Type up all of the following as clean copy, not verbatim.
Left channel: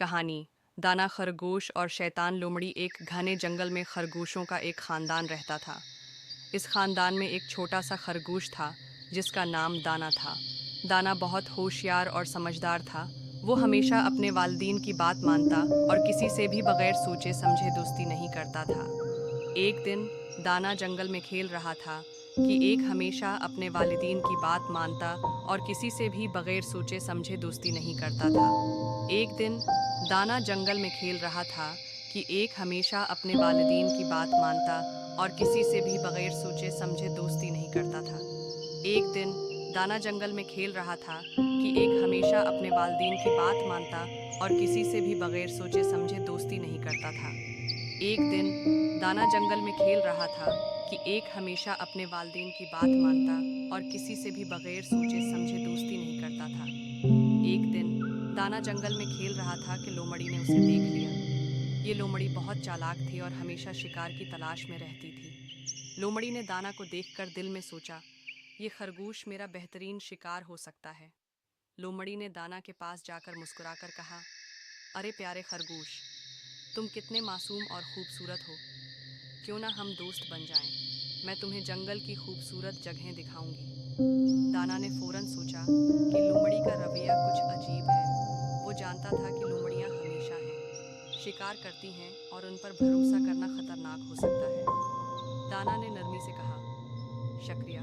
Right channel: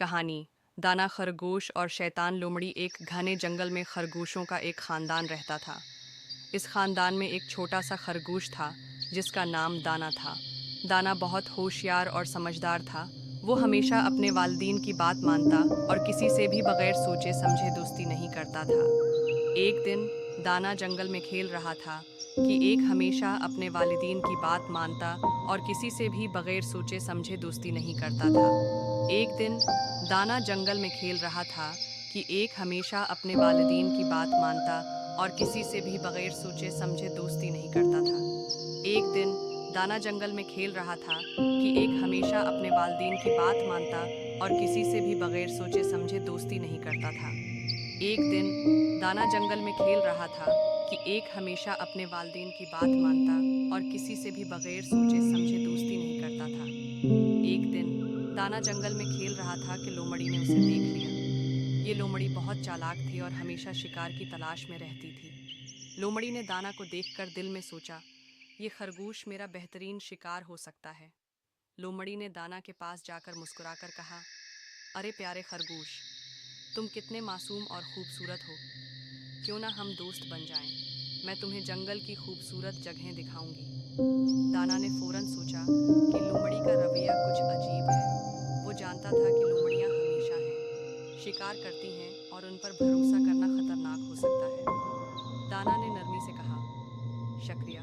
कहानी। दाना खरगोश और शैतान लोमड़ी। एक घने जंगल में खरगोशों का एक खानदान रहता था। इस खानदान में एक छोटा सा खरगोश था जिसका नाम दाना था। दाना बहुत होशियार और समझदार था। वो हमेशा अपने वालिदैन की बात मानता और किसी से भी बगैर सोचे समझे दोस्ती नहीं करता था। एक दिन दाना जंगल में खेल रहा था कि एक हमेशा अपने वालिदैन की बात मानता और किसी से भी बगैर सोचे समझे दोस्ती नहीं करता था। एक दिन दाना जंगल में खेल रहा था कि एक हमेशा अपने वालिदैन की बात मानता और किसी से भी बगैर सोचे समझे दोस्ती नहीं करता था। एक दिन दाना जंगल में खेल रहा था कि एक हमेशा अपने वालिदैन की बात मानता और किसी से भी बगैर सोचे समझे दोस्ती नहीं करता था। एक दिन दाना जंगल में खेल रहा था कि एक हमेशा अपने वालिदैन की बात मानता और किसी से भी बगैर सोचे समझे दोस्ती नहीं करता था। एक दिन दाना जंगल में खेल रहा था कि लोमड़ी ने उसे देख लिया। ये लोमड़ी बहुत चालाक थी और हमेशा शिकार की तलाश में रहती थी। लोमड़ी ने दाना को देखकर दिल में सोचा, ये खरगोश मेरा बेहतरीन शिकार हो सकता है। लोमड़ी ने दाना के पास जाकर मुस्कुराकर कहा, अरे प्यारे खरगोश, तुम कितने मासूम और खूबसूरत हो। क्यों ना हम दोस्त बन जाएं। मैं तुम्हें जंगल की खूबसूरत जगहें दिखाऊंगी। दाना ने फौरन सोचा कि लोमड़ी का रवैया कुछ अजीब है। वो जानता था कि लोमड़ियां हमेशा हैं, शिकार करती हैं और उन पर भरोसा करना खतरनाक हो सकता है। दाना ने नरमी से कहा, शुक्रिया,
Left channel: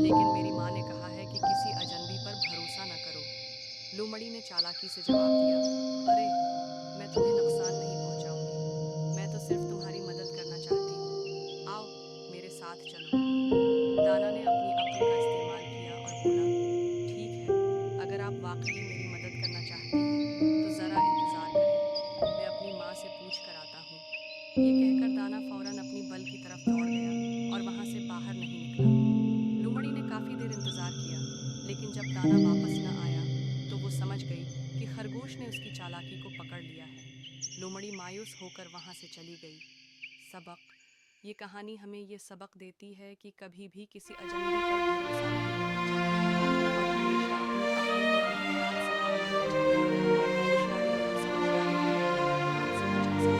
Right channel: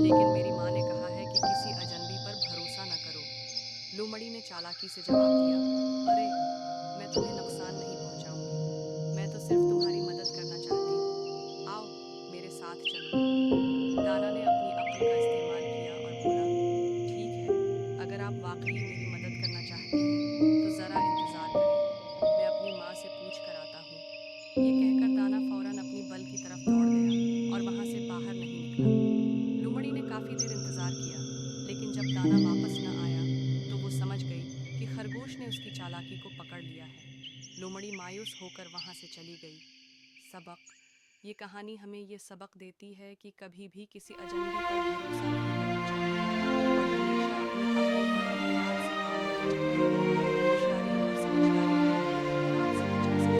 लेकिन मेरी माँ ने कहा है कि किसी अजनबी पर भरोसा न करो। लोमड़ी ने चालाकी से जवाब दिया, अरे, मैं तुम्हें नुकसान नहीं पहुंचाऊंगी। मैं तो सिर्फ तुम्हारी मदद करना चाहती हूँ। आओ, मेरे साथ चलो। दाना ने अपनी अक्ल का इस्तेमाल किया और बोला, ठीक है, अगर आप वाकई मेरी मदद करना चाहती हैं तो ज़रा इंतज़ार करें। मैं अपनी माँ से पूछ कर आता हूँ। ये कहकर दाना फौरन अपनी बल की तरफ दौड़ गया और वहाँ से बाहर नहीं निकला। लूमड़ी ने काफ़ी देर इंतज़ार किया, लेकिन जब दाना वापस न आया तो वो समझ गई कि खरगोश ने उसकी चालाकी को पकड़ लिया है। लूमड़ी मायूस होकर वहाँ से चली गई। सबक। ये कहानी हमें ये सबक देती है कि कभी भी किसी अजनबी पर भरोसा